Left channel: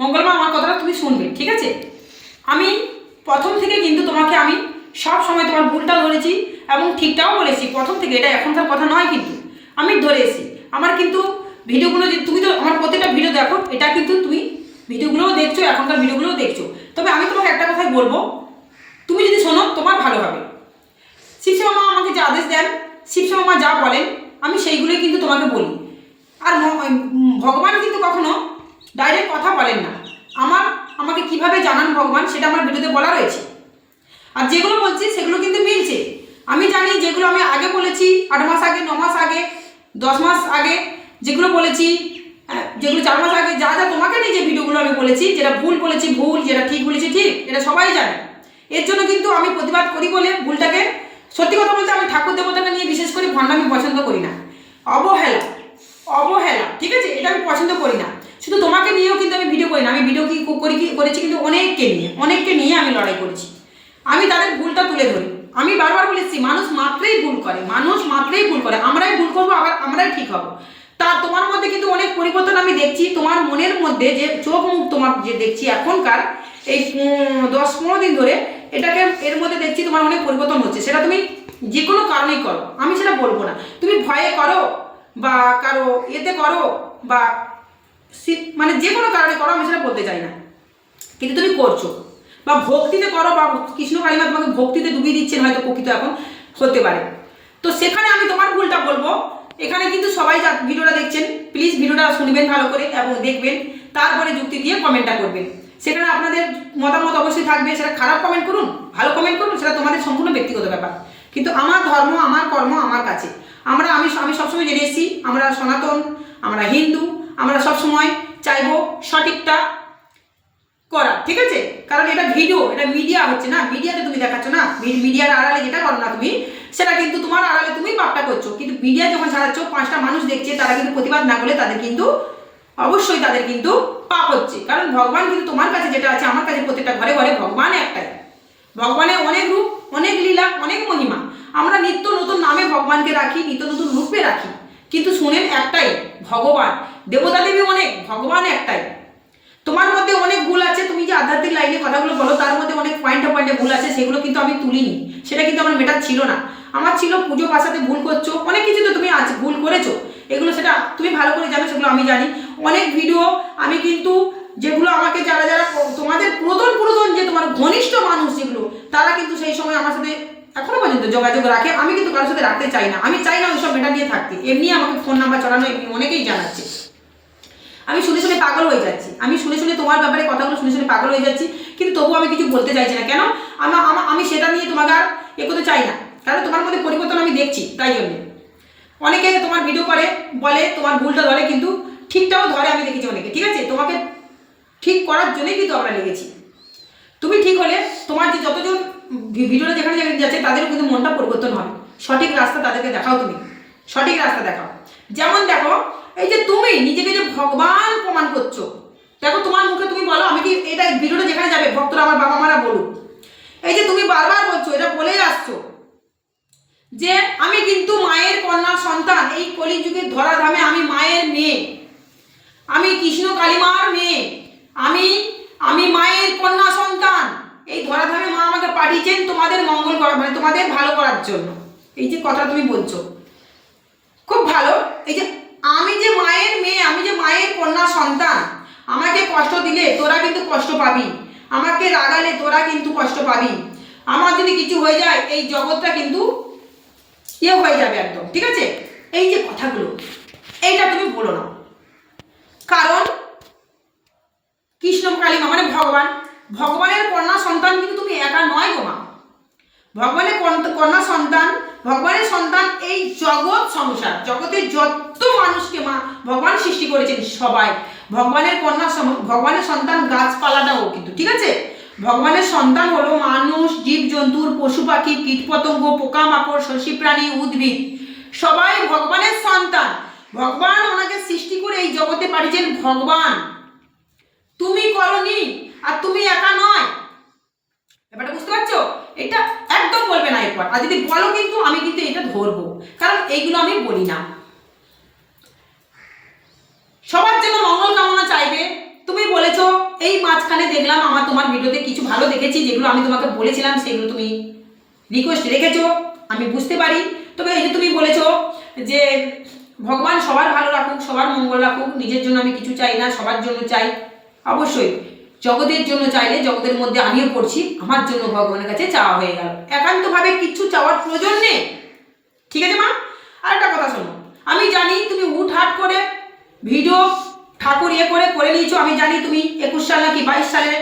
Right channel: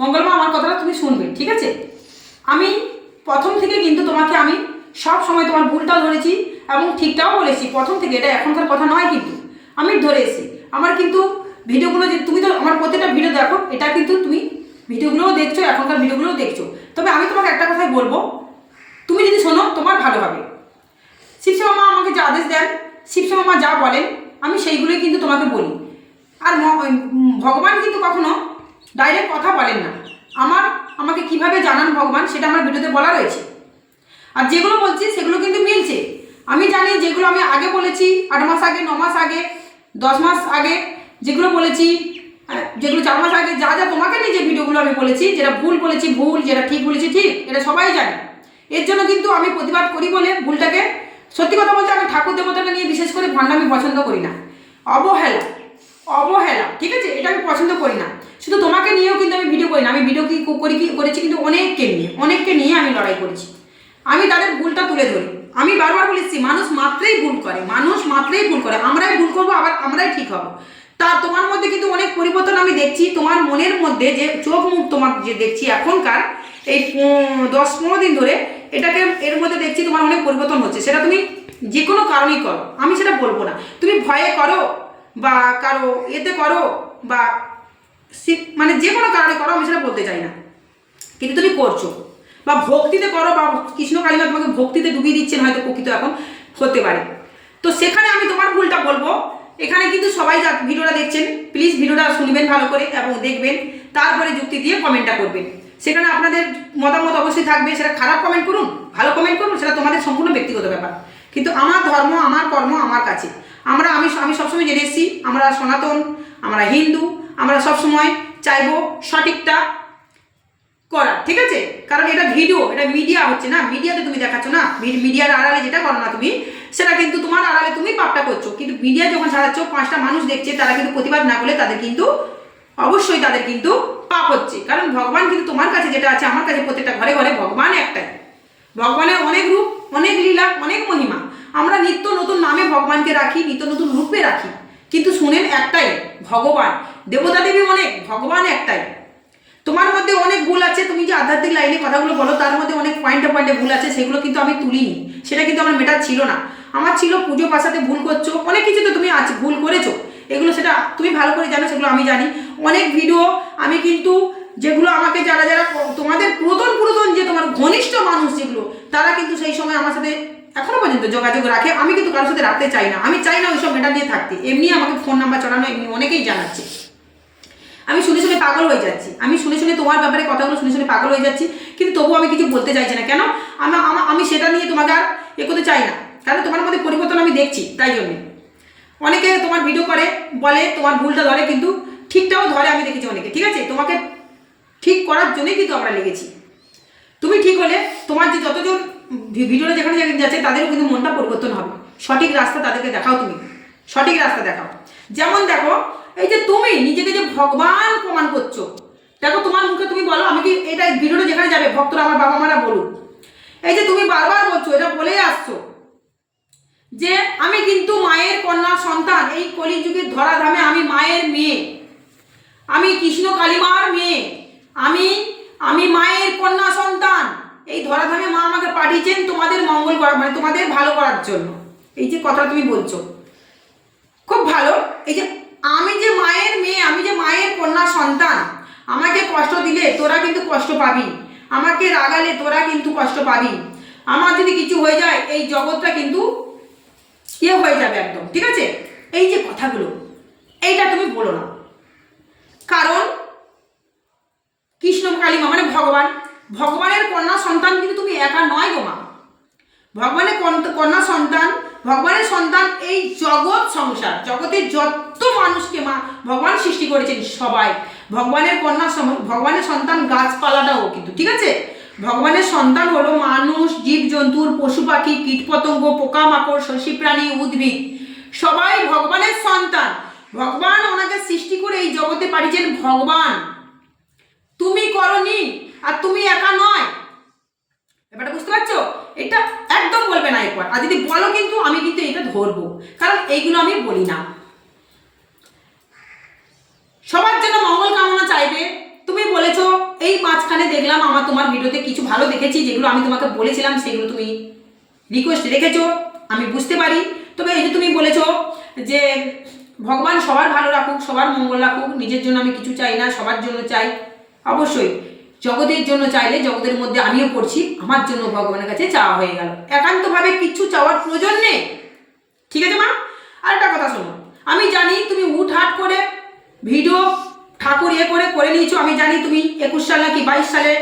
মঙ্গলমা আমার কথাটা তুমি শুনবে, ঠিক আছে? আমি প্রথম থেকে কিন্তু তোমাকে আমি সব সময় তোমার ভুলটাও ধরেছি এবং ঠিকটাও বলেছি, প্রথম থেকে, এটা এখনকার কথা নয় কিন্তু। আমি ধরে এসেছি আমার কিন্তু ভিডিওগুলো যে, তুমি তো আমার প্রত্যেকটা ভিডিও দেখো, এটা কিন্তু তুমি ভিডিওগুলোও দেখছ, এখনকার ভিডিওগুলোও দেখছ। তবে আমি তোমাকে একটা কথাই বলব, তুমি যদি শোনো, তোমার ভালো হবে। শিবশ্যামা মা আমাকে যে আদেশ দেন শিবশ্যামা মা যা বলেন, আমি সেইগুলোই কিন্তু তোমাকে বলি। আর ভগবান কিন্তু কখনো ডাইরেক্ট কথা বলেন না। আমার, আমাকে কীভাবে জানান ভগবান, সেটা আমার ভিডিওতে বলা রয়েছে। আর যেগুলো বলছি, সেগুলো কিন্তু মিলছে। আমি জানি যেগুলো আমি আগে বলেছি, আট মাস আগে, ন মাস আগে, দশ মাস আগে, যেগুলো বলেছি যেগুলো চার মাস আগে, যা যা তোমাকে নিয়ে যে ভিডিওগুলো আমি বলেছি, যেটা ভুল বলেছি, ভুল, যেটা ঠিক বলেছি, ঠিক, এটা সবাই জানে। এর জন্য কিন্তু আমি প্রতিবাদ করি বলে ভুলটাকে। সত্যি কথা বলতে আমি ঠাকুর দেবতাকে নিয়ে বিশেষ করে ভণ্ডামি পছন্দ করি না। অবহেলা অবহেলা, ঠিক আছে? এটা আমি পছন্দ করি না। শুধু তোমাকে নিয়েও কিন্তু আমি ভিডিও করি না আমি ভিডিও কি করি কি করেছি কিন্তু অনেককে নিয়ে অনেককে নিয়ে আমি লড়াই করেছি। আমি তাদের ভুলটা তুলে ধরি। আমি বারবার বলেছি মানুষ মাত্রেই ভুল করে, মানুষ মাত্রেই ভুল করে, আমরাই ভুল করব, আবার আমরাই ঠিক হব। তা তোমার মধ্যে কিন্তু অনেক পরিবর্তন আমি দেখছি, তোমার মনের মধ্যে যে চোখ মুখ তোমার যে দেখছি এখনকার, এই দশ পনেরো দিন ধরে, এটাকে এর মধ্যে দেখছি তোমার অনেক পরিবর্তন হচ্ছে। সেটা তুমি যে কোনো কারণেই করো, আমি সেটা বলব না। তুমি ভয়ে করো বা কারও এতে করো বা মানে যে কোনো কারণে করো, আমি সেটা বলতে চাই না। কিন্তু তুমি করছ। বা ভক্তিতে করো বা কৃষ্ণ কালিমা তোমাকে ভক্তিতে ডুবিয়ে দিচ্ছেন হয়তো প্রকৃত এখন, হতে পারে। তো সেখানে আমি তোমার ভুলটা বলব। এখানে কিন্তু সবাই যা ভিডিওটা দেখছেন প্লিজ ভিডিওটা শুনবেন ভালো করে এবং দেখবেন। তারপরে যুক্তি দিয়ে কমেন্টটা করবেন। সেখানে আপনাদের মতামত অবশ্যই থাকবে। সেটা খারাপ কমেন্ট করুন, ভালো কমেন্ট করুন, সেটা তোমাদের সম্পূর্ণ ব্যক্তিগত ব্যাপার। কিন্তু আমার ধর্ম, আমার কর্ম, আমার কাছে। আমরা, আমি আমি সবসময় জেনে এসেছি, আমরা সনাতন, আমরা হিন্দু আমরা সবসময় চাইব সঠিকটা করার, ঠিক আছে? কারণ এটা ভিডিও এটা মিডিয়া হচ্ছে না? মিডিয়াতে তুমি দেখাচ্ছ না? মিডিয়ার আড়ালে যেটা করো না তুমি, সেটা কিন্তু তোমার আড়ালে তুমি পাপটা করছ। কিন্তু মিডিয়া যখন ছাড়াচ্ছ, পাঁচটা মানুষ দেখছে, তারা কিন্তু প্রতিবাদ না করলে তাদের কিন্তু, অবশ্যই তাদের কিন্তু পাপ হচ্ছে। কারণ ভগবান কিন্তু তোমার কাছে যেটা আছে, আমার কাছে প্রত্যেকটা ঘরে ঘরে ভগবান একটাই। ভগবানের অনেক রূপ, অনেক লীলা, অনেক মহিমা। আমরা নিত্য নতুন নামে ভগবানকে রাখি, নিত্য নতুন রূপে রাখি। কিন্তু শুনেন একটাই, ভগবান। দেবতা দেবী অনেক, ভগবান একটাই। তোমার মধ্যে অনেক ভুল আছে, তুমি যে আধ্যাত্মিক লাইনে কথাগুলো বলো, তার মধ্যে অনেক পয়েন্টে পয়েন্টে ভুল আছে, সেগুলো কিন্তু আমি তুলিনি। সেটা কিন্তু আমার মেটার ছিল না। আমার ছিল পুজো পাশাতে ভুল করছ, অনেক কিছু তো তুমি আজ ভুল করেছ। এগুলো সেটা তুমি ভালো করে জানো, সেগুলো আমি জানি। অনেক ভিডিও আমি কিন্তু, যেগুলো আমাকে যারা যারা, তোমাদের পুরাতন পুরাতন যে তোমার ঘনিষ্ঠ মানুষ যেগুলো, তারা কিন্তু সেই সময় আমার সাথে এখনও পর্যন্ত যোগাযোগ রাখে। আমি কিন্তু কারোর সাথে রাখতে চাই না। আমি চাই না ওইসব মেটা নিয়ে থাকতে। এমনি আমাকে ফোন নাম্বার চড়ানো এমনি অনেকেই জানাচ্ছে। আমি শুনে শুনে পাগল হয়ে যাচ্ছি। আমি শুনে শুনে তোমার ব্যাপারে কথাগুলো শুনে শুনে পাগল হয়ে যাচ্ছি, কিন্তু তবুও আমি কিছু বলতে চাইছি না। কেন? আমার আমি সেটা নিয়ে তোমাকে আর এ করতে চাই না। কারণ তোমার মধ্যে পরিবর্তন আমি দেখছি, তাই জন্যে। অনেকে তোমার ভিডিও করে, বলে তোমার ভুলটা ধরে, কিন্তু ঠিকটাও ধরে আমি দেখেছি অনেকে, ঠিক আছে? তোমাকে ঠিক করার জন্যই কিন্তু আমরা লেগেছি। তুমি ঠিক হলে তোমার যে যতজন ভিডিওটা যেখানে যাচ্ছে, তাদেরও কিন্তু মনটা পরিবর্তন হবে। সঠিক রাস্তা তাদেরকে দেখাও তুমি। সঠিক রাস্তা দেখাও। যেমন দেখো এই যে তুমি নিজেকে যে ভগবান প্রমাণ করছ, দেখো তোমার মুখে তুমি বলো, আমি কি এটা ভিডিওটা যেখানে যাবে, ভক্তরা আমার বাবা মারা বলুক। এই যে তুমি বারবার বলছো, এটা বলেই আসছো যে আমি কিন্তু মায়ের কন্যা সন্তান, এই কলিযুগের ধরাধামে আমি মায়ের মেয়ে। আমি কৃষ্ণ কালিমার মেয়ে। আমি আমি মায়ের কন্যা সন্তান। এই ধরাধামে মা আমাকে পাঠিয়েছেন তোমাদের মঙ্গল করা মানে তোমাদের ভালো করার জন্য। এই যে কথা তুমি বলছো। খুব ভালো। এই যে আমি যে মায়ের মেয়ে, আমি যে মায়ের কন্যা সন্তান, আমাকে কষ্ট দিলে তোরা কিন্তু কষ্ট পাবি। আমাকে রাগালে তোরা কিন্তু কষ্ট পাবি। আমার যদি কিছু হয়ে যায়, এই জগৎটা কিন্তু ইয়ে হয়ে যাবে একদম, ঠিক আছে? এই যে কথাগুলো, এইটা তুমি বলো না। কারণ কৃষ্ণ কালিমা মানে ভগবান, ভগবানের কন্যা সন্তান কিন্তু তুমি একা নয় গো মা। ভগবানের কন্যা সন্তান, ভগবানের সন্তান এই জগৎ সংসার, জগতের যত মানুষকে মা ভগবান সৃষ্টি করেছেন সবাই। ভগবানের কন্যা ভগবানের সন্তান গাছপালাটাও কিন্তু, ঠিক আছে? ভগবানের সন্তান হলো মানুষ জীবজন্তুর পশু পাখি কীটপতঙ্গ পোকামাকড়, শশী প্রাণী, উদ্ভিদ। সবাই ভগবানের সন্তান। ভগবান ওনাকে সৃষ্টি করে এই জগতে পাঠিয়েছেন ভগবান। তুমি করনি আর তুমি একা নয়। ব্যাপারটা বুঝতে পারছ? এটা একদম বলবে না এরপর। আর যদি বলো কিন্তু আমি কিন্তু এটা ধরবো। কারণ এইগুলো আমি বলি না। সবার জন্য মঙ্গল কামনা চাইবে। তুমি বলেছ, এই মাঝখানে দেখলাম আমার তোমার ভিডিওতে কিছু ভালো দেখেছি, যেগুলো আমি তোমাকে বলেছিলাম, সেগুলো তুমি রিকোয়েস্ট রেখেছো। আমি বুঝতে পারি। তবে এই যে তুমি বলেছ যে ভগবান সবার ভালো রাখুক, সবার মঙ্গল রাখুক, নিজের জন্য আমি কিছু চাই না, সবার জন্য চাই। অবশ্যই, জগতের জন্য চাইলে জগতের মধ্যে আমিও পড়ছি, আমার জন্য ভগবানের কাছে চাওয়া হয়ে গেল। একান্তভাবে কিচ্ছু চাওয়ার প্রয়োজন নেই। ঠিক আছে মা? আর একটা কথা শোনো, আমি জানি তুমি উঠ হাট করে ভিডিও ঠাকুর ইয়ে করে করে নিয়েছো, আমি জানি তুমি একুশ সাল নাকি বাইশ সালে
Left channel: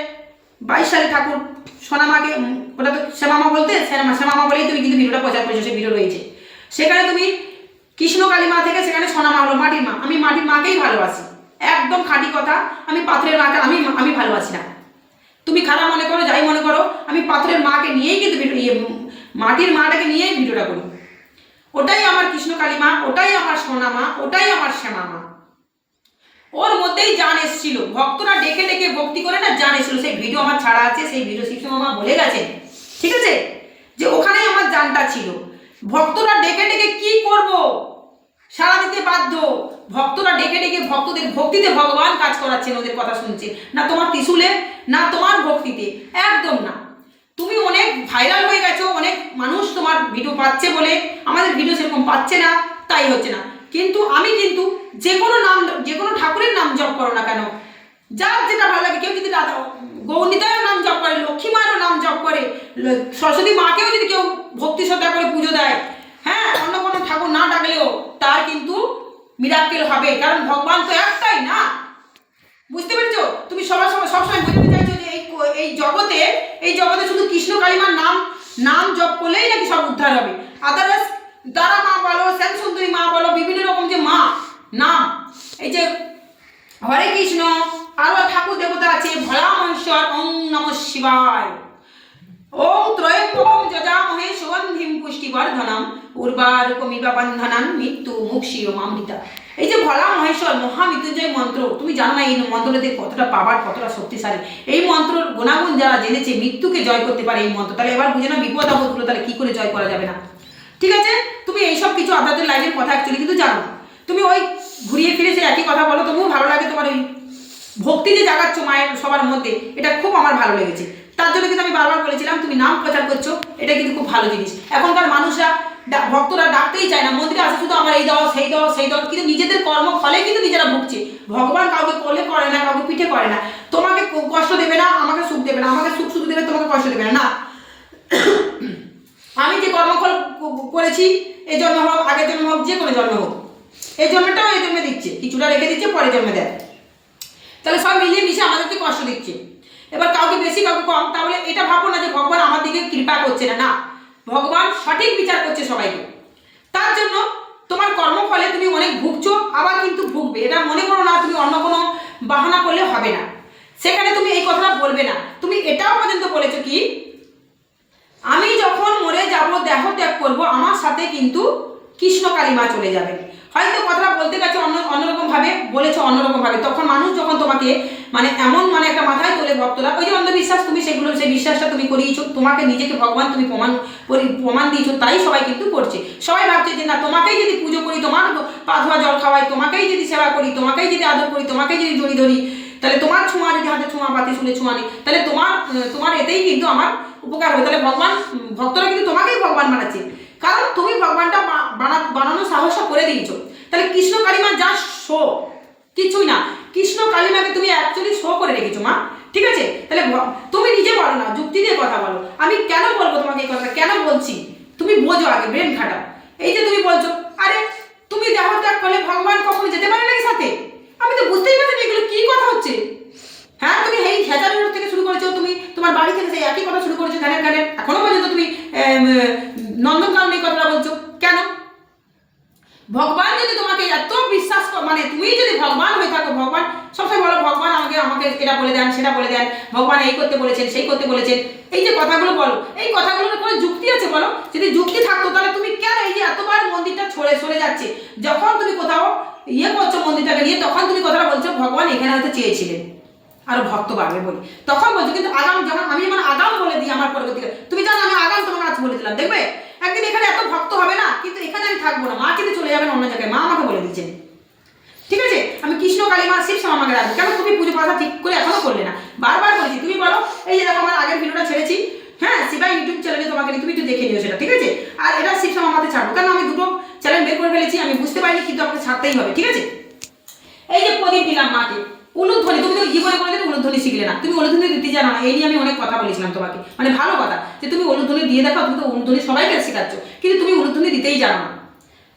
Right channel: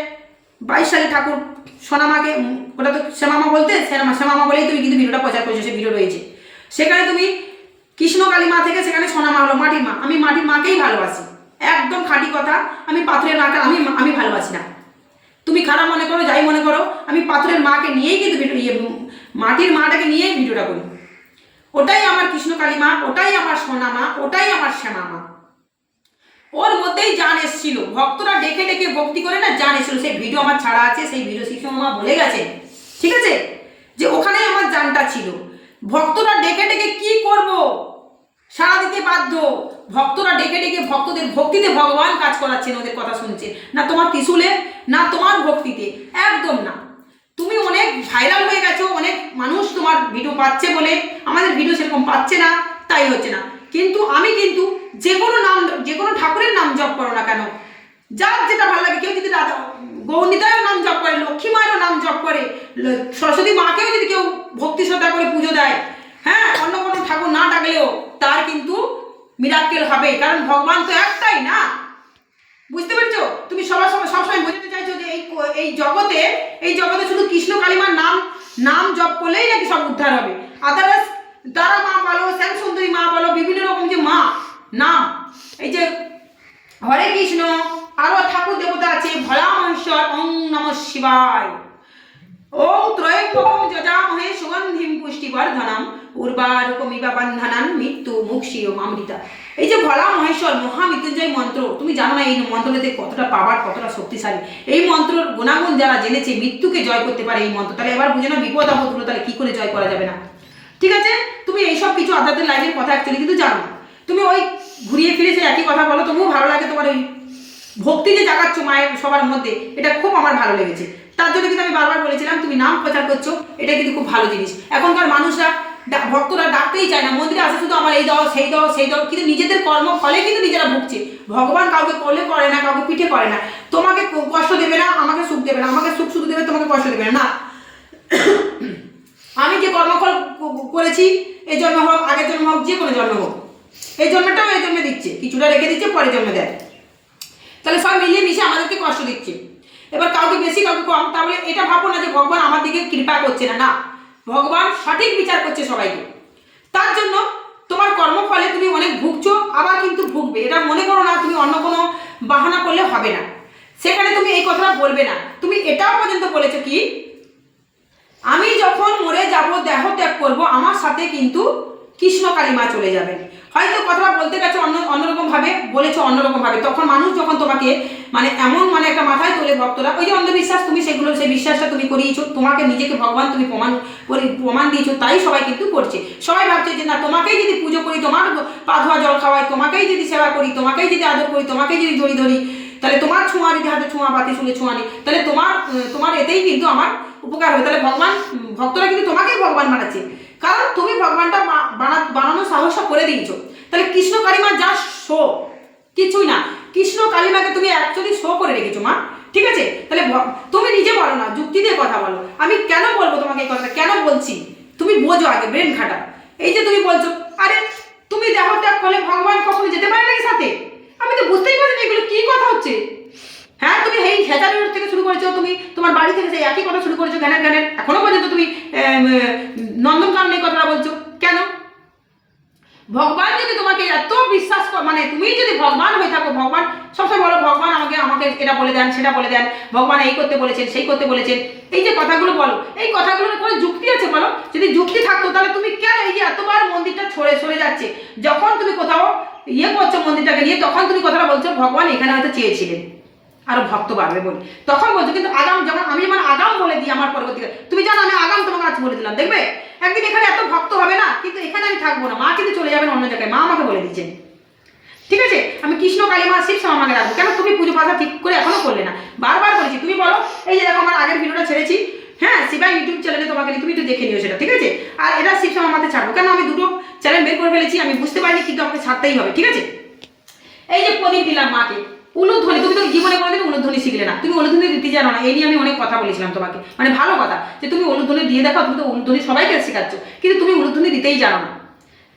বাইশ সালে ঠাকুর সোনামাকে ওটা তো শ্যামামা বলতে, শ্যামা শ্যামামা বলেই তুমি কিন্তু ভিডিওটা প্রচার করেছ সেই ভিডিও রয়েছে। সেখানে তুমি কৃষ্ণ কালী মা থেকে সেখানে সোনামা হলো, মাটির মা। আমি মাটির মাকেই ভালোবাসি। একদম খাঁটি কথা, আমি পাথরের মাকে, আমি আমি ভালোবাসি না। তুমি খারাপ মনে করো, যাই মনে করো, আমি পাথরের মাকে নিয়েই কিন্তু ভিডিও ইয়ে মাটির মাটাকে নিয়েই ভিডিওটা করি। ওটাই আমার কৃষ্ণ কালী মা, ওটাই আমার সোনা মা ওটাই আমার শ্যামা মা ওর মধ্যেই জান এসেছিল। ভক্তরা ডেকে ডেকে ভক্তি করে না জান এসেছিল। সেই ভিডিও আমার ছাড়া আছে, সেই ভিডিও শিবসমা মা বলে গেছে। ঠিক আছে? যে ওখানেই আমার জানটা ছিল। ভক্তরা ডেকে ডেকে কি করব? সারা দিতে বাধ্য। ভক্তরা ডেকে ডেকে ভক্তদের ভক্তিতে ভগবান কাজ করাচ্ছেন, ওদের কথা শুনছে না তোমার ত্রিশুলে, না তোমার ভক্তিতে। একদম না। তুমি অনেক ভাইরাল হয়ে গেছো, অনেক মানুষ তোমার ভিডিও পাচ্ছে বলে। আমাদের ভিডিও সেরকম পাচ্ছে না, তাই হচ্ছে না। কিন্তু আমি কিন্তু যে কোনো নাম যে কোনো ঠাকুরের নাম জপ করো না কেন। যার যেটা ভালো লাগে, কেউ যদি দাদা গৌরীতায়ের নাম জপ করে লক্ষ্মী মায়েরও নাম জপ করে সরস্বতী মাকেও যদি কেউ ভক্তি শ্রদ্ধা করে পুজো দেয় হ্যাঁ অন্য কোনো ঠাকুর না ডাকলেও তার কিন্তু মিরাক্কেল হবে। কারণ ভগবান তো একটাই না। বুঝতে পেরেছ? তুমি সবার সময়, সবসময় বোঝাতে চাইছো যে এই এই জগতে এই জগতে শুধু কৃষ্ণ কালিমার নাম নাম জপ করলেই নাকি সব উদ্ধার হবে। আদারওয়াইজ তারা মা বলো, শ্যাম সুন্দরী মা বলো, বিভিন্ন রকম যে মা, নাম। এই যে হরে কৃষ্ণ, আরও ঠাকুর দেবতা আছে ভোলা মহেশ্বর ওং নম শিবায়। ওং ত্রয়ম্বকম যজামহে সুগন্ধিম পুষ্টিবর্ধনম উর্বারুকমিবা বন্ধনান মৃত্যু মুক্ষীয় মামৃতা। এই যে ভোলা মহেশ্বর মহামৃত্যুঞ্জয় মন্ত্র, তুমি জানো না এই মন্ত্রটাতে কতটা পাবার কতটা শক্তিশালী। এই মন্ত্রর গুণাগুণ যারা জেনেছে, মৃত্যুকে জয় করতে পারে এই মন্ত্র। তাহলে এবার বুঝে না বিপদ আপদগুলো তাহলে কি করে জয় করা যাবে না? ঠিক আছে? তুমি এইসব কিছু আধ্যাত্মিক লাইনের কথা অ্যাকচুয়ালি কিন্তু জানো তুমি ওই ঘুরিয়ে ফিরে সে একই কথা বলো, তবুও ভালো লাগে তোমার ওই ভক্তি যে জাগাচ্ছ মায়ের সবার মধ্যে, এটা খুব আমার ভালো লেগেছে। তার জন্য কিন্তু আমি বারবার বলেছিলাম, তুমি নাম প্রচার করছ, এটা কিন্তু খুব ভালো জিনিস। এখনকার মানুষরা ভক্তরা ডাকতেই চায় না, মন্দিরে আসে শুধু আমার এই দাও সেই দাও সেই দাও কিন্তু নিজেদের কর্ম ফলে কিন্তু নিজেরা ভুগছে। ভগবান কাউকে করলে করে না, কাউকে পিঠে করে না। তোমাকে কষ্ট দেবে না, আমাকে সুখ দেবে না, আমাকে সুখ সুখ দেবে, তোমাকে কষ্ট দেবে না। আমি যে কর্মফল করেছি, এই জন্ম হোক, আগের জন্ম হোক, যে কোনো জন্ম হোক। এই জন্মটাও এই জন্মে দিচ্ছে। কিছুটা রেখে দিচ্ছে, পরে জন্মে দেয়। তাহলে সব মিলিয়ে মিশে আমাদেরকে কষ্ট দিচ্ছে। এবার কাউকে বেশি, কাউকে কম, তাহলে এটা ভাবো না যে ভগবান আমার দিকে কৃপা করছে না। না, ভগবান সঠিক বিচার করছে সবাইকে। তার জন্য তোমার কর্মফলে তুমি অনেক ভুগছো, আবার কিন্তু ভুগবে। এটা মনে করো না, তুমি অন্য কোনো বাহানা করলে হবে না। সেখানে তুমি এই কথাটা বলবে না। তুমি এটাও পর্যন্ত বলেছ কি আমি যখন মরে যাব দেহ ত্যাগ করব, আমার সাথে কিন্তু কৃষ্ণ কালিমা চলে যাবে। হয়তো কথাটা বলতে গেছে অন্য অন্যরকম ভাবে বলেছ অন্যরকম ভাবে তখন মানুষ যখন তোমাকে মানে এমন মানে একটা মাথায় তোলে ভক্তরা, ওই যে অন্ধবিশ্বাস, তুমি সেগুলো, সেই বিশ্বাসটা তুমি করিয়েছো, তোমাকে নিজেকে ভগবান তুমি প্রমাণ করি, প্রমাণ দিয়েছ, তাই সবাই কিন্তু করছে। সবাই ভাবছে যে না, তোমাকেই যদি পুজো করি, তোমার পা ধোয়া জল খাওয়াই, তোমাকেই যদি সেবা করি, তোমাকেই যদি আদর করি, তোমাকেই যদি জড়ি ধরি, তাহলে তোমার ছোঁয়া যদি হাতে ছোঁয়া, বাতি শুনে ছোঁয়া নেই, তাহলে তোমার তোমার এতেই কিন্তু আমার উপকার হবে। তাহলে ভগবান ভক্তরা কিন্তু তোমাকেই ভগবান বানাচ্ছে। কারণ তুমি ভগবানটা বানা, বানানোর সাহসটা করে দিয়েছ। তাহলে কৃষ্ণ কালিমা যা শো, কিছুই না। কৃষ্ণ কালিমাকে তুমি অ্যাকচুয়ালি শো করে রেখেছো, মা। ঠিক আছে? তাহলে তুমি নিজে বলো না, যুক্তি দিয়ে কথা বলো। আমি কেন বলব তোমাকে এই কথাটা? কেন বলছি? তুমি বোঝো আগে, ব্রেন খাটা এই যে তুমি বলছো, আরে, তুমি দেহ ত্যাগ করলে ভগবান কখনো যেতে পারে নাকি সাথে? আমি তো বুঝতেই পারছি না এগুলো কি কথা হচ্ছে। হ্যাঁ তুমি এই হেজারি রোড থেকে শুরু করেছ, তুমি তোমার বাড়ি থেকে সেই একই কথা শুরু করেছ জ্ঞানের জ্ঞানের এখনও পর্যন্ত তুমি নন্দনকানন কথাটা বলছো। কেন? ভগবান যদি তোমাকে এত বিশ্বাস মানে তুমি যদি ভগবান হয়ে থাকো, ভগবান, সবসময় বলো, ভগবান আমাকে আমাকে এটা বলে দেন, সেটা বলে দেন, ভগবান এই করতে বলেছেন, সেই করতে বলেছেন। এই যে কথাগুলো বলো, এই কথাগুলোর কোনো যুক্তি আছে বলো? যদি যুক্তি থাকতো, তাহলে তুমি কেন এই যে এতবার মন্দিরটা ছড়ে, সরে যাচ্ছে? যখন তুমি কোথাও ইয়ে করছ মন্দিরটাকে নিয়ে, তখন তুমি কথাটা বলছো, ভগবান এখানে হয়তো চেয়েছিলেন। আরও ভক্ত বাড়বে বলি। তখন বলছে, কিন্তু আগাম যখন আমি মানে আগাম বলে দিই আমার পরবর্তীকালে তুমি জানো আমি আগাম তোমাকে আজ বলে দিলাম, দেখবে? একদিন এখানে এত ভক্ত হবে না, কিন্তু এখানে আমি থাকব না, মা কিন্তু চলে যাবেন অন্য জায়গায়, মা আমাকে বলে দিচ্ছেন ঠিক আছে? আমি কৃষ্ণ কালী মা শিব শ্যামা আমাকে রাখব কেন তুমি পুজো পাতা ঠিক করে এখনও করলে না? বারবার বলেছি, তুমি বলো, এই যে আমার আগের ভিডিওটা ছেড়েছি হ্যাঁ শিবাই ইউটিউব চ্যানেলে তোমাকে তুমি একটু দেখে নিও সেটা, ঠিক আছে? আর এটা শিব শ্যামা আমাকে ছাড়বো, কেন আমি দুটো চ্যানেল বের করে ফেলেছি, আমি বুঝতে পারিনি, কিন্তু আমাকে ছাড়তেই হবে, ঠিক আছে? এই যে প্রদীপ দিলাম মাকে উলু তুমি তো জীবন শিখলে না। তুমি উলুধ্বনি দিতে জানো না, এই নিয়ে আমি অনেক কথা বলেছিলাম তোমাকে। মানে ভালো কথা, যে তুমি উলুধ্বনি দিয়ে দেখাও তুমি তো উলুধ্বনি সবাইকে শেখাচ্ছ, কিন্তু তুমি উলুধ্বনি দিতেই জানো না।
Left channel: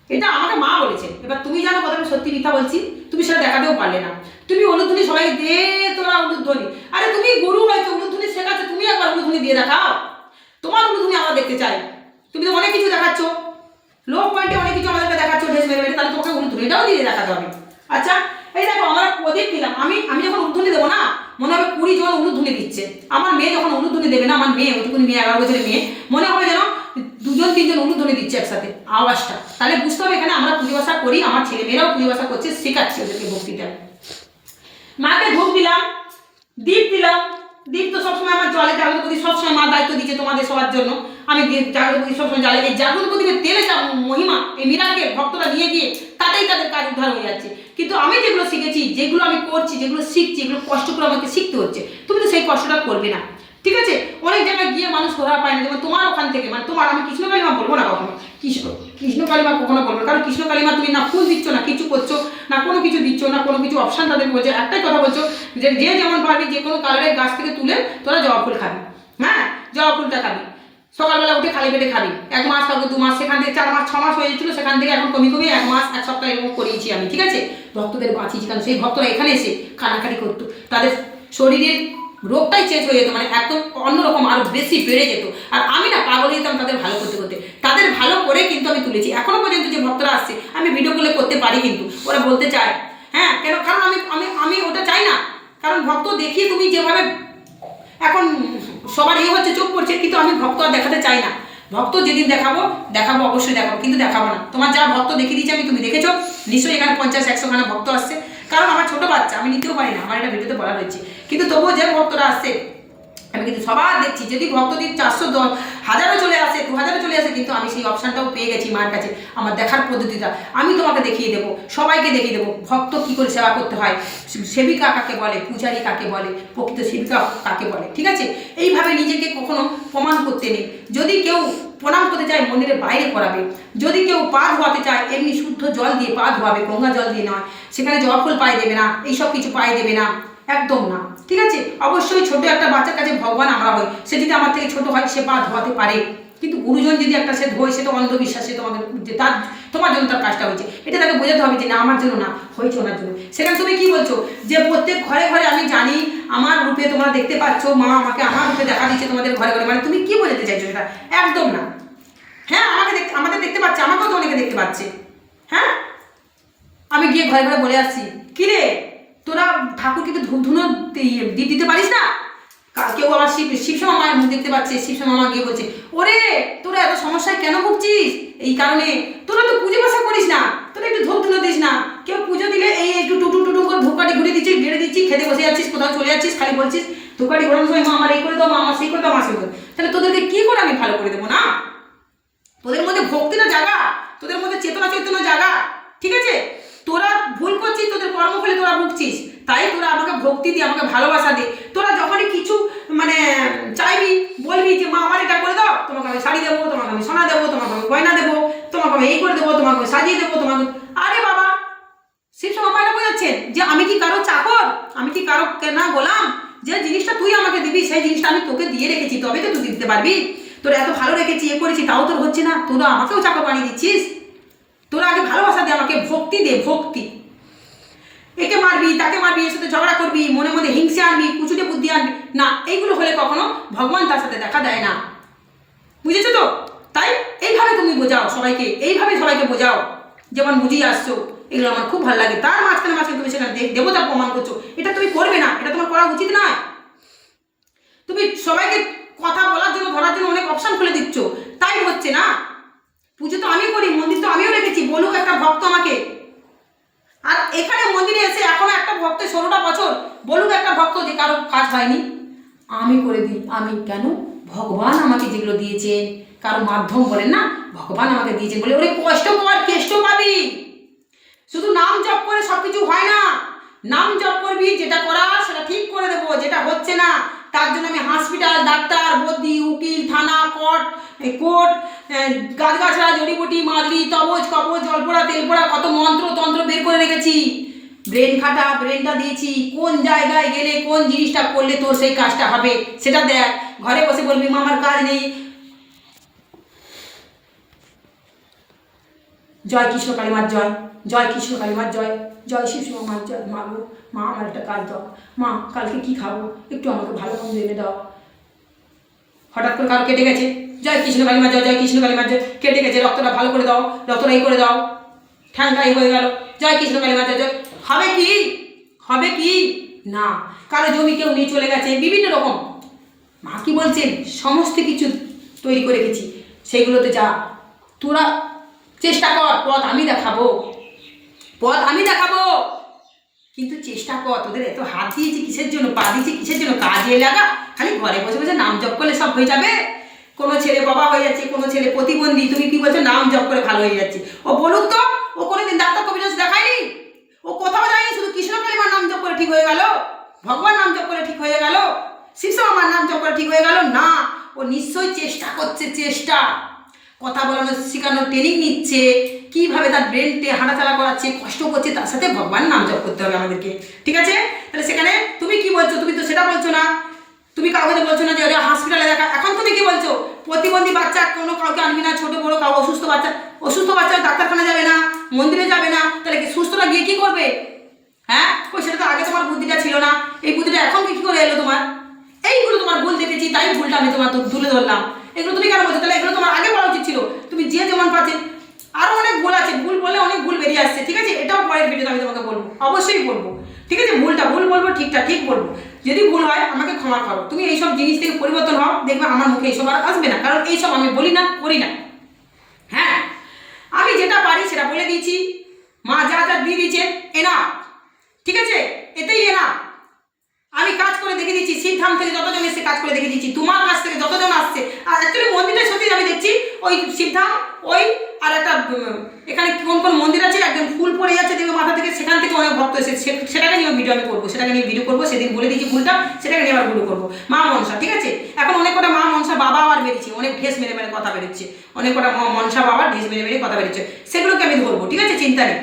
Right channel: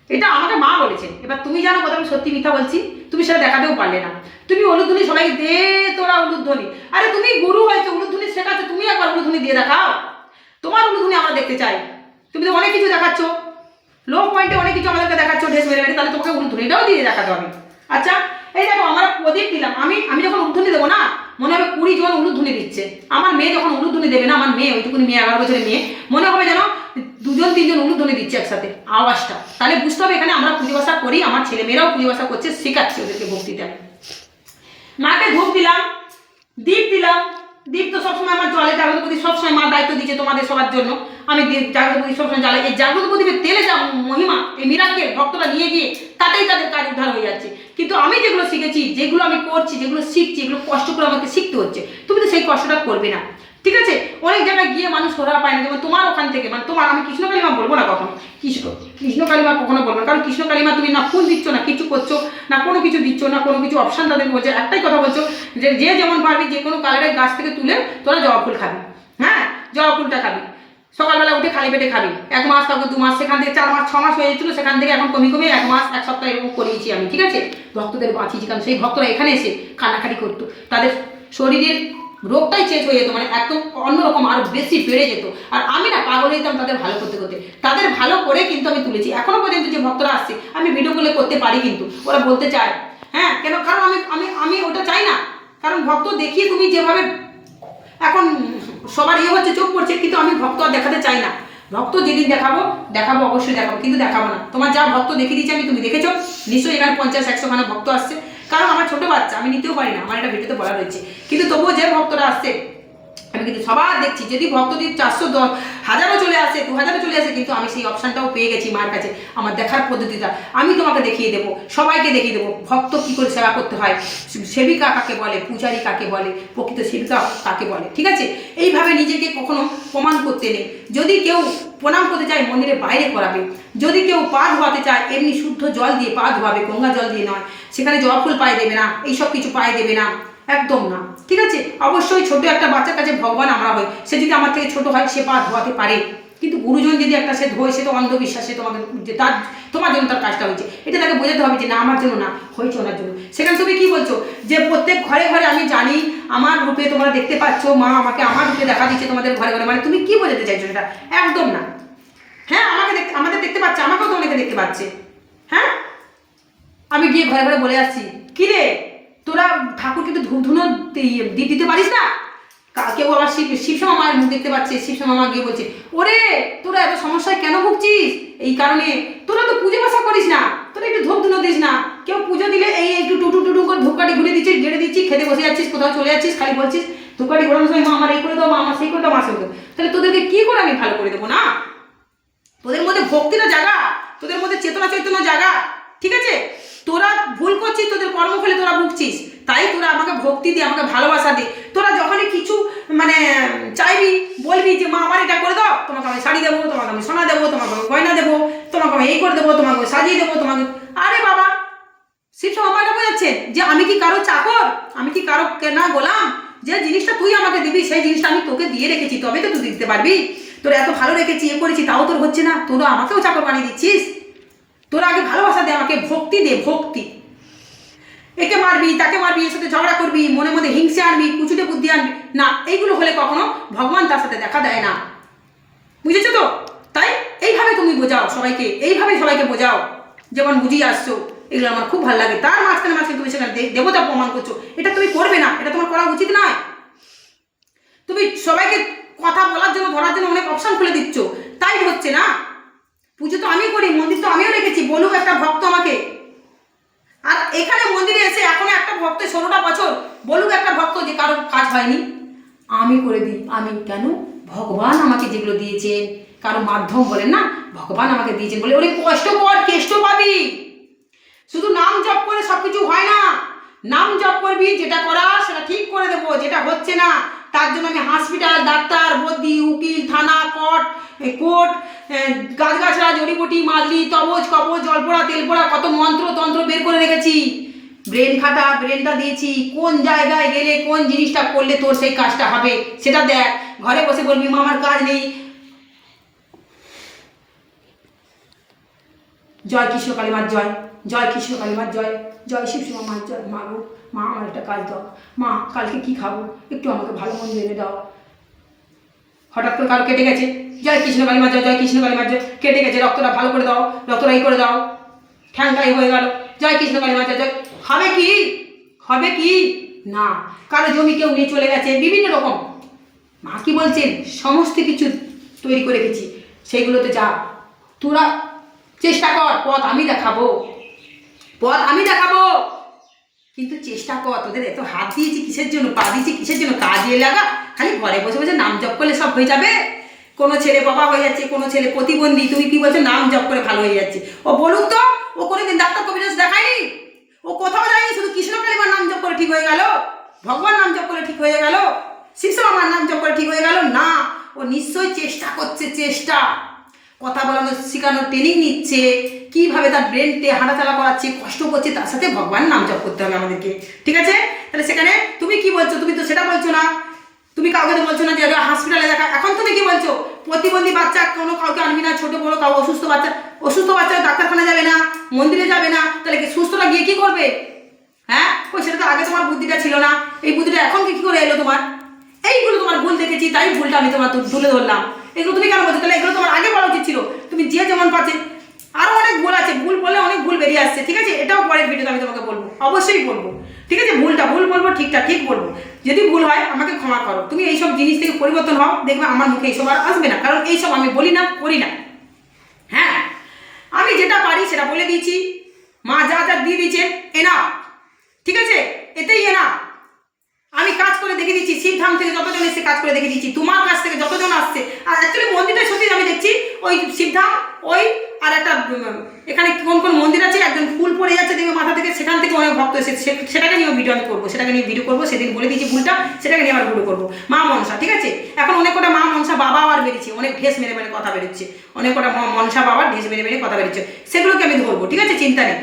এটা আমাকে মা বলেছে। এবার তুমি জানো কথা, আমি সত্যি মিথ্যা বলছি, তুমি সেটা দেখাতেও পারলে না। তুমি উলুধ্বনি সবাই, দে তোরা উলুধ্বনি আরে তুমি গুরু হয়েছে উলুধ্বনি শেখাচ্ছ, তুমি একবার উলুধ্বনি দিয়ে দেখাও। তোমার উলুধ্বনি আমরা দেখতে চাই। তুমি তো অনেক কিছু দেখাচ্ছ। লো পয়েন্টে অনেক কিছু আমাদেরকে দেখাচ্ছ ড্রেস মেরে মেরে তাহলে তোমাকে উলুধ্বনিটাও দিয়ে দেখাতে হবে। আচ্ছা এই দেখো, আমরা প্রদীপ দিলাম আমি আমি যখন উলুধ্বনি দেবো না মনে হবে কুড়ি জন উলুধ্বনি দিচ্ছে। আমার মেয়ে যখন উলুধ্বনি দেবে না, আমার মেয়ে, ওইটুকুনি মেয়ে, এগারো বছরের মেয়ে, মনে হবে যেন দুজন, তিনজন উলুধ্বনি দিচ্ছে একসাথে, আওয়াজটা। তাহলে বুঝতে হবে এখানে আমরা পুজো বাসা করি, আমার ছেলে মেয়েরাও পুজো বাসা করছে, শেখাচ্ছি ওদেরকে ভক্তিটা মাকে ধূপ দিলাম, দীপ দিলাম। দীপ তো সবসময় আমার জলে জাগ্রতপতি সবসময় মা দায়িত্ব দিচ্ছে তোমাদের সবার জন্য। আমি দীপ জাগ্রতপতি সবসময় জ্বালাই এই জাগ্রতপতিকে তেলে যা মহিমা, এই মিরাকে ভক্তরা নিয়ে গিয়ে তাতেই তাদের কাজ উদ্ধার হয়ে যাচ্ছে। কিন্তু আমি যেগুলো শিখেছি, যেগুলো আমি করছি, যেগুলো শিখছি এগুলো কষ্ট করে আমাকে শিখতে হচ্ছে, তুমি তো সেই কষ্টটা করবে না। ঠিক আছে? অনেক জায়গায় গিয়ে মানুষ সোধা পায় না। যেমন তোমার ওখান থেকে মানে তোমার, আমি কৃষ্ণ কালিমা বলব না কখনো? কৃষ্ণ কৃষ্ণ কালিমা কখনো বলব না। কারণ কৃষ্ণ কালিমা তুমি না ফুল দিচ্ছ, না কিছু করছ, না কোনো কিছু দিচ্ছ, না কোনো কিছু অপশান তাদের বলছো, একটাই কথা বলছো যে যে যেমন পারবি, যে কোনো কালারের গাছ থেকে তুলে তোরা জবা ফুল খাবি। হ্যাঁ? জবা ফুলটা খাবি। সকালবেলা উঠে খালি পেটে খাবি। এক মাস তারপর দু মাস, সেখান থেকে চার মাস, ছ মাস হয়ে যাচ্ছিল সেখান থেকে এখন কমে কমে এক মাস, এক সপ্তাহ এরকম করিয়েছি আমি, ঠিক আছে? ভক্তদের বাঁচিয়েছি, কারণ সেই ভক্তরা এখানে এসে কানাকাটি করতো। তাদের শরীরের রোগটাই চেঞ্জ হয়ে যেত মানে একদম অন্যরকম আরও বেশি বেড়ে যেত। আর আমি না পাগল যেতাম তাদের ভালো করতে করতে। তাদের ভালো করে কিন্তু আমি তুলেছি। এখনও পর্যন্ত যে ভক্তরা আসছে, আমি ভিডিও করলে করতে পারি কিন্তু। ওরা বলতে চায় হ্যাঁ কেন? কারণ আমি আমি আমি ওটা চাই না। কারণ ভক্ত দেখিয়ে তুমি যেভাবে এখন সবার ইয়ে হচ্ছে, চোখ পড়ছে, কিন্তু আমি ভক্ত আর দেখাতে চাই না। ভক্ত যেদিন দেখাবো দেখাবো, অবশ্যই দেখাবো, কিন্তু দেখাবো না। তোমার যা ভক্ত দেখিয়ে দিয়েছি আমি তুমি দেখেছ। নিশ্চয়ই এখানে পঞ্চাশ, একশো খানা ভক্ত আসছে। কারণ আমার ছোটো বাচ্চা, আমি নিতেও পারি না, আমার এটা ভিডিওতে বলা রয়েছে কিন্তু তবুও যে ভক্তরা আসছে আমি কিন্তু সবার দেখছি, যদি ভক্তদের চারশো দশ হাজারও চলে আসে, দু হাজারও চলে আসে, কিন্তু আমি সেই অপশানটাও পেয়ে গেছি মার কাছে, আমার দেখার পদ্ধতিটা। আমি তোমাকে দেখিয়ে দেবো, সবাইকে দেখিয়ে দেবো, ভক্ত কী করে সেবা করতে হয়, সেবিকা কাকে বলে, পূজারী কাকে বলে, প্রকৃত সেবিকা কাকে বলে, ঠিক আছে? এইভাবে নিজেকে কখনো প্রমাণ করতে নেই। যদি কেউ প্রণাম করতে চায় মন্দিরের বাইরে করাবে যদি কেউ পা ধোয়াতে চায়, এমনি শুদ্ধ জল দিয়ে পা ধোয়াবে, গঙ্গা জল দিয়ে নয়। সেখানে জবা ফুল পায়ে দেবে না, এইসব কিছু পায়ে দেবে না। একদম না। ঠিক আছে? অবশ্যই ছোট একটা বাচ্চার কাছে ভগবান আমরা হই। সে যদি আমার থেকে ছোট হয়, সে পা ধোয়াতে পারে। কিন্তু গুরুজন যদি একটা সে ধোয় সেটা অন্ধবিশ্বাস সে তোমাকে তার, তোমার জন্য তার কাজটা হয়েছে। এটা তাকে বোঝাতে হবে যে না, আমার জন্য না, হয়েছে ওনার জন্য। সেখানে তুমি কি বলছো? যে প্রত্যেক ঘরে ঘরে আমি জানি, আমার রূপে তোমরা দেখতে পাচ্ছ, মা আমাকে আমার রূপে দেখা দিচ্ছে তোমাদের ঘরে ঘরে। মানে তুমি কি বোঝাতে চাইছো সেটা? একদম না। হ্যাঁ আমাকে দেখতে আমাদের দেখতে পাচ্ছে, আমাকেও তো অনেকে দেখতে পাচ্ছে। হ্যাঁ? আমি গিয়ে ঘরে ঘরে বলে আসছি। কিরে তোরা ঠাকুরকে তো ধুনো দিয়ে- দিতে পারিস না? কেউ আমার শিব শিবসমা মায়ের মুখ দেখতে পাচ্ছে শিবসমা মা গিয়ে বলছে, ওরে, তোরা এত সমস্যায় কেন ভুগছিস? এই কারণে তোরা তো পুজো পাশা করিস না, তোরা একটু ধূপ ধুনো দিস না। কেউ পুজো দিলে এই একটু টুটু টুটু করে ধূপকাঠি ঘুরে দিচ্ছিস, গেড়ে দিচ্ছিস, খেতে বসে যাচ্ছিস, কোথাও চলে যাচ্ছিস, খালি বলছিস, ধূপকাঠি ঘোরানোর সময় মা আমার এই করে দাও, মা আমার সেই করে দাও, মা সেই তাহলে তোদেরকে কী করে আমি ভালো করে দেবো না? তোদের মধ্যে ভক্তিটা জাগা, তোদের মধ্যে চেতনা চেতনা জাগা, ঠিক আছে? তোরা ভুল করছিস, তোদের কর্মফলে তোরা ভুগছিস। তাই তোরা আমাকে ভক্তি দিয়ে আমাকে ভালোবাসা দে। তোরা যখনই কিছু মানে চাইবি, বলবি যে, মা, আমার এটা করে দাও, তোমাকে আমি শাড়ি দেবো, তোমাকে আমি সোনা দেবো, তোমাকে আমি গয়না দেবো, তোমাকে আমি এই করে দেবো, তোমাকে সাজিয়ে দেবো, তোমাকে আরে বাবা, শিব সবাই এটা বোঝাচ্ছেন যে, আমি কি কারও চাকর? আমি কি কারও কেনা গোলাম? যে জিনিসটা তুই আমাকে দিবি, সেই জিনিসটা আমি তোকে দিয়ে রেখেছি তবে তো তুই দিতে পারবি। তোর এত ভালো রেখেছি, এ করেছি, তাও তোর হচ্ছে না। তোরা আমাকেও চাকর বানিয়ে দিচ্ছিস। তোরা আগে ভালোবাসা দে, আমাকে ভক্তি দে, ভক্তি। একে মারবি, তাকে মারবি, এর সাথে ঝগড়া করবি, মনে মনে হিংসে আনবি, কুচুটে বুদ্ধি আনবি। না, এইগুলো হলে কখনো ভগবান তার সাথে দেখা দেয় না। বুঝেছ তো? তাই এইভাবে তুমি বোঝাও সবাইকে এইভাবে সবাইকে বোঝাও। যেমন বুঝিয়ে আসছো, এগুলো আমার খুব ভালো লাগে। তার মাঝখানে মাঝখানে তুমি সেখানে দেবতা প্রমাণ করছ। এটা তুমি করবে না, এটা তোমার করা উচিত নয়। তুমি সবাইকে কথা বলার জন্য, ধরার জন্য অনেক অপশন খুলে দিচ্ছ। তাই হচ্ছে না? পুজো তো আমি করি, মন্দির তো আমিও রেখেছি, বলুক একটা ভক্ত আমাকে। আর এখানে মন্দিরে এসে এখনও একটা ভক্ত ষোলোটা বছর, বলুক একটা ভক্ত যে কারও কাজ হয়নি। আমি করে দিই, আমি কেন? ভগবান আমাকে যেগুলো দিয়েছেন কারও মাধ্যম বলেন না, ভগবান আমাকে দিয়েছেন বলে। ওরে কষ্ট কর, কেষ্ট পাবি। শুধু নাম জপ করে সব কিছু হয় না। নাম জপ করবি, যেটা করা সেটা ঠিক করে দেবো, যেটা হচ্ছে না। তার জন্য আমি হসপিটাল ডাক্তার বদ্যি উকিল, থানা কোর্ট কোর্ট গাছগাছড়া, জড়িবুটি, মাদলি তবজ কবজ জলপোড়া, তেলপোড়া, কত মন্ত্র তন্ত্র বের করে রেখেছি। ব্রেন খাটা ব্রেনটা দিয়েছি, কোন জায়গায় গেলে কোন জিনিসটা করলে তোর সেই কাজটা হবে সেটা দেখ। ঘরে বসে বলবি মা আমার কাজ নেই। জয় কৃষ্ণ কালীমার জয়। জয় কৃষ্ণ কালীমার জয় জয় শিব শিবা মার জয় মা গো, মা, আমার একটা কাজ দাও। মা, কালকে কি খাব? একটু আমাকে ভালো মন্দ এনে দাও। হঠাৎ করে কারও কেটে গেছে। জয় কৃষ্ণ কালীমার জয় জয় কৃষ্ণ কালীমার জয়। কেটে গেছে, রক্তটা ভালো করে দাও, রক্তটা এই করে দাও। ঠ্যাংটাই হয়ে গেল। জয় কৃষ্ণ কালীমার জয় জয়। হবে কি? হবে কি? না। কারও জমি কেউ নিয়ে চলে গেছে, বিভিন্ন রকম। মা কি বলছেন? সমস্ত কিছু তৈরি করে রেখেছি সেইগুলোতে যা। তোরা চেষ্টা কর, পথ আমি দেখাবো। পথ আমি দেখাবো। কিন্তু চেষ্টা কর, তোদের এত হাত দিয়েছি কিসের জন্য, পা দিয়েছি কিসের জন্য, কাজে লাগা খালি ঘরে বসে বসে নাম জপ করলে সব হয়ে যাবে। কোনো ছেলে বাবা হয়ে যাচ্ছে, কোনো ছেলে প্রতিবন্ধী, তুমি কি বলছো, নাম জপ করে ভালো হয়ে যাচ্ছে। ও বলুক তো, ও কোনোদিন ডাক্তার কবিরাজ দেখায়নি? ও কোথাও যায়নি, শুধু কৃষ্ণ কালিমার নাম জপ করে ঠিক হয়ে গেল? ভগবান নাম জপ করে ঠিক হয়ে গেল? শিশু আমার নাম জপ করে ঠিক হয়ে গেল? না, ও নিশ্চয়ই চেষ্টা করছে, চেষ্টা। কথা বলানো শেখানোর ট্রেনিং নিচ্ছে, কীভাবে তার ব্রেনটে হাঁটাচলা করাচ্ছে, কষ্ট করছে, তার সাথে ভগবান নাম জপ করতে হবে আমাদেরকে। ঠিক আছে? তাহলে সেখানে তুমি কি বলছো? তুমি তো সেটা বলছো না। তুমি কাউকে তো বলছো না যে হসপিটালে দেখা। এখন তুমি কি বলছো? প্রতিবন্ধী বাচ্চা, কোনো কাউকে আনবি না, ছোটো, বড়ো কাউ অসুস্থ বাচ্চা। অসুস্থ বাচ্চা ডাক্তারখানা যাবে না, মন্দিরে যাবে না। তাহলে কি সুস্থরা গিয়ে কি করবে? হ্যাঁ? ওই সেটা তো আগে তোমার বুদ্ধিটা ছিল না। এই বুদ্ধিটা এখন কি করে এলো তোমার? এইগুলো তোমার ভুল দেখেছি, তাই ভুলটা আমি তোমার তুলে ধরলাম। এগুলো তুমি কেন বলছো? তাহলে এগুলো তোমার আগে বলা উচিত ছিল। তুমি যে যেমন পাচ্ছে আরও অনেক ভুল আছে। ভুল বললে অনেক ভুল বেরিয়ে আসছে, ঠিক আছে? এটাও পরের ভিডিওতে আমি তোমাকে বলব। অবশ্যই বলব। ঠিক আছে? ভুলটা ভুল বলব, ঠিকটা ঠিক বলব। যদি ভুল হয়, আমাকে ক্ষমা করো। তুমি এইসব জিনিস থেকে পরিবর্তন হও, দেখবে আমার মুখে এইসব আর আসবে না। কারণ এইসব আমি বলি না, করি না। হ্যাঁ? আমি যেটা পারি, সেটা বলে দিয়েছি। মা যা যা দিয়ে দিয়েছে এনা ঠিক আছে? এতেই এনা আমি কাজ করে দেখে দিচ্ছি, শিবধাম থেকে যতজন এসে কাজ করে দেখে দিচ্ছি, তোমার কাছ থেকে যতজন আসছে। আর অ্যাকচুয়ালি মন্দিরটা সত্যি আমি দেখছি, ওই শিবধাম, ওই, আর একটা এখানে কোন কোন মন্দির আছে একজন ফুল পড়ে যাচ্ছে দেখবে মাথা থেকে, সেখান থেকে অনেক ভক্ত এসে সেটাকে নিয়ে ভিডিও আমি করব, সেটাকে নিয়ে ভিডিও করব, সেদিন বলে দিয়েছি ভুলটা, সেটাকে নিয়ে আবার ভিডিও করব। মা মনসা, ঠিক আছে? এখন অনেক কটা মা মনসা বাবা আবার বেরিয়েছে, অনেক ঢেস মেরে মেরে কথা বেরোচ্ছে, অনেক কটা মনসা বাবা ঢেস মেরে মেরে কথা বেরোচ্ছে, সেগুলোকে আমি ধরবো, ঠিক আছে? চিন্তা নেই।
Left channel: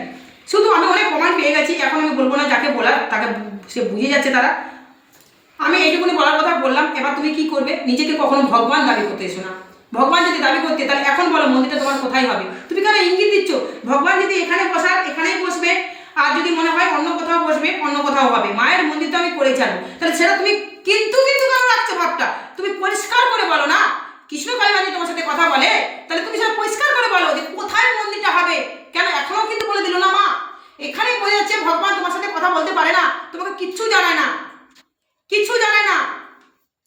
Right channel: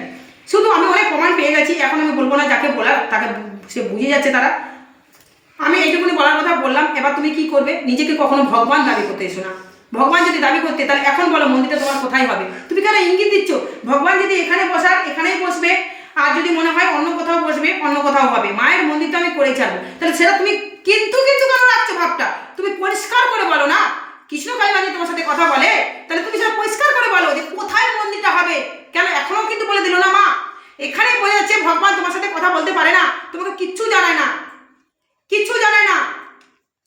শুধু আমি অনেক প্রমাণ পেয়ে গেছি, এখন আমি বলব না যাকে বলার, তাকে সে বুঝে যাচ্ছে তারা। আমি এইটুকুনি বলার কথা বললাম, এবার তুমি কি করবে? নিজেকে কখনো ভগবান দাবি করতে এসো না। ভগবান যদি দাবি করতে, তাহলে এখন বলো মন্দিরটা তোমার কোথায় হবে? তুমি কেন ইঙ্গিত দিচ্ছ? ভগবান যদি এখানে বসার, এখানেই বসবে, আর যদি মনে হয় অন্য কোথাও বসবে, অন্য কোথাও হবে। মায়ের মন্দির তো আমি করেই ছাড়বো। তাহলে সেটা তুমি কিন্তু কিন্তু কেন রাখছো ভাবটা? তুমি পরিষ্কার করে বলো না। কৃষ্ণ কালীবাণী তোমার সাথে কথা বলে, তাহলে তুমি সেটা পরিষ্কার করে বলো যে কোথায় মন্দিরটা হবে? কেন এখনও কিন্তু বলে দিল না মা? এখানেই বোঝা যাচ্ছে ভগবান তোমার সাথে কথা বলতে পারে না। তোমাকে কিচ্ছু জানায় না। কিচ্ছু জানে না।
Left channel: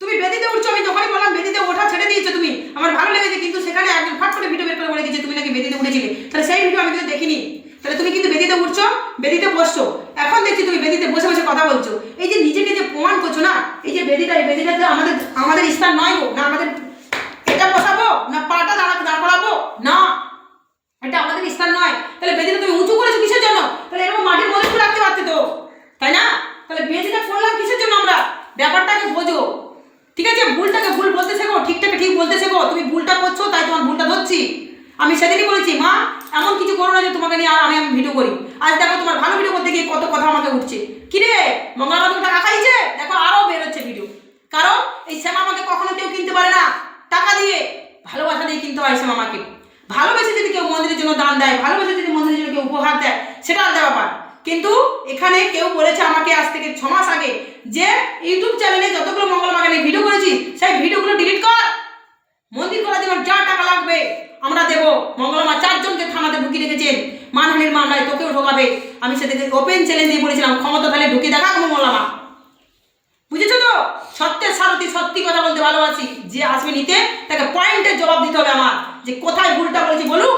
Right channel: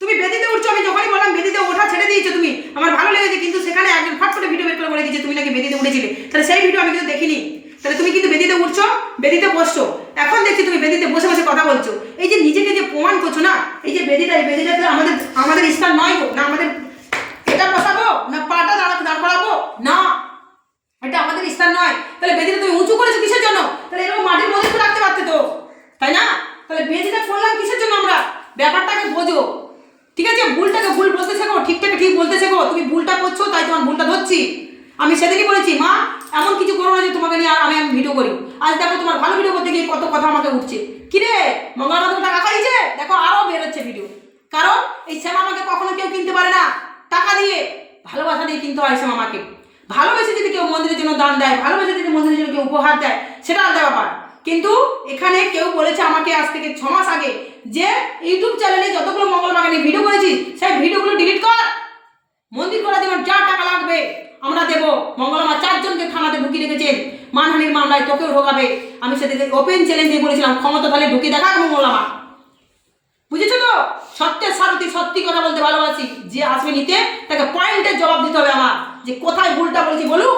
তুমি বেদিতে উঠছো, আমি যখনই বললাম বেদিতে ওঠা ছেড়ে দিয়েছ তুমি, আমার ভালো লেগেছে, কিন্তু সেখানে একজন ফাট করে ভিডিও বের করে বলে দিয়েছে, তুমি নাকি বেদিতে উঠেছিলে? তাহলে সেই ভিডিও আমি কিন্তু দেখিনি। তাহলে তুমি কিন্তু বেদিতে উঠছো, বেদিতে বসছো। এখন দেখছি তুমি বেদিতে বসে বসে কথা বলছো। এই যে নিজেকে যে প্রমাণ করছ না, এই যে বেদিটা, এই বেদিটাতে আমাদের আমাদের স্থান নয় না আমাদের এটা বসাবো, না পাটা দাঁড়া, দাঁড় করাবো, না, এটা আমাদের স্থান নয়। তাহলে বেদিটা তুমি উঁচু করেছ কিসের জন্য তাহলে এরকম মাটির মধ্যে একটু রাখতে পারতে তো তাই না তাহলে বেদিটা করলাম কিসের জন্য আমরা ব্যাপারটাকে বোঝো। ঠিক আছে? ভুলটাকে ভুল বলতে শেখো, ঠিকটাকে ঠিক বলতে শেখো। তুমি ভুলটা করছ, তাই তোমার ভুলটা ধরছি। আমি সেদিনই বলেছি, মা, এমন কিছু করো না যে তোমাকে নিয়ে আর আমি ভিডিও করি। আজ দেখো তোমার ভালো ভিডিও করতে গিয়ে কত কথা আমাকে উঠছে। কিরে মঙ্গলবার তুমি টাকা খাইছে? দেখো আরও বেরোচ্ছে ভিডিও। কারণ এই শ্যামা আমাকে কখনো কেউ কিনতে পারে না। টাকা দিয়ে ভালোবাসা দিয়ে কিনতে হয় শ্যামা আমাকে। ভালোবেসে যদি কেউ মন্দিরের জন্য দান দেয়, ভালোবেসে যদি মন্দিরের জন্য কেউ উপহার দেয়, সেটা আলাদা ব্যাপার। কিন্তু এখানে কেউ বলেছে আমাকে আজ থেকে ছ মাস আগে যে ইউটিউব চ্যানেলে যতগুলো মঙ্গল বাগানে ভিডিও করেছি সেই ভিডিওগুলো ডিলিট কর। মন্দির করার জন্য যা টাকা লাগবে, আমরা দেবো। মঙ্গলমা চারজনকে থানাতে ঢুকিয়ে রেখেছেন। মানহানির মামলায় তোকেও ঢোকাবে। আমি সেদিকে ওপেন চ্যালেঞ্জ দিয়ে বলেছিলাম, ক্ষমতা তাহলে ঢুকিয়ে দেখা মঙ্গলমা বুঝেছ তো? সত্যের সারথি, সত্যি কথা বলতে ভালোবাসি। যে আসবে নিতে, তাকে পয়েন্টের জবাব দিতে হবে আমার। যে কোথায় ভুলটা বলেছি বলুক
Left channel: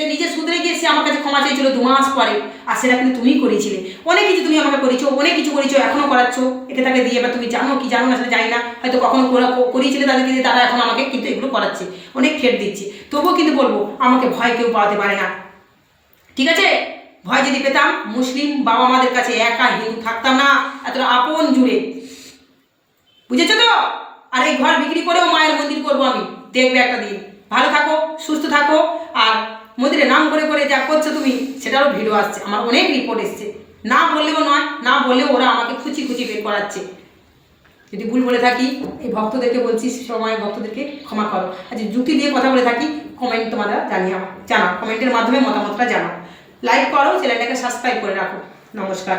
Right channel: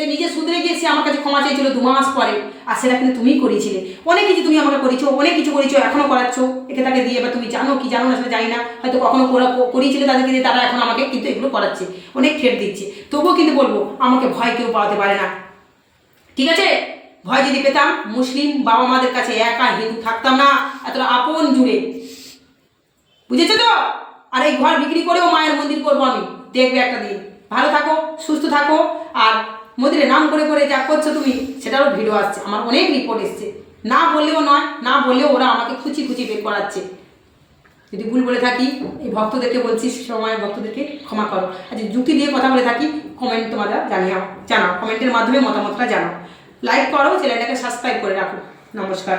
সে নিজে শুধরে গিয়ে সে আমার কাছে ক্ষমা চেয়েছিল দু মাস পরে, আর সেটা কিন্তু তুমিই করেছিলে। অনেক কিছু তুমি আমাকে করেছ, অনেক কিছু করেছ এখনও করাচ্ছ। একে তাকে দিয়ে বা তুমি জানো কি জানো না সেটা জানি না। হয়তো কখনো করা- করিয়েছিলে তাদেরকে দিয়ে তারা এখন আমাকে কিন্তু এগুলো করাচ্ছে, অনেক ফের দিচ্ছে। তবুও কিন্তু বলব, আমাকে ভয় কেউ পাওয়াতে পারে না। ঠিক আছে? ভয় যদি পেতাম, মুসলিম বাবা মাদের কাছে একা হিন্দু থাকতাম না, এতটা আপন জুড়ে। বুঝেছ তো? আর এই ঘর বিক্রি করেও মায়ের মন্দির করব আমি। দেখবে একটা দিন। ভালো থাকো, সুস্থ থাকো, আর মন্দিরে নাম করে করে যা করছ তুমি, সেটারও ভিডিও আসছে। আমার অনেক রিপোর্ট এসছে। না বললেও নয়, না বললেও ওরা আমাকে খুচি খুচি বের করাচ্ছে। যদি ভুল বলে থাকি, এই ভক্তদেরকে বলছি সময় ভক্তদেরকে ক্ষমা করো। আর যে যুক্তি দিয়ে কথা বলে থাকি কমেন্ট তোমরা জানিয়ে জানাও। কমেন্টের মাধ্যমে মতামতটা জানাও। লাইক করো চ্যানেলটাকে সাবস্ক্রাইব করে রাখো। নমস্কার।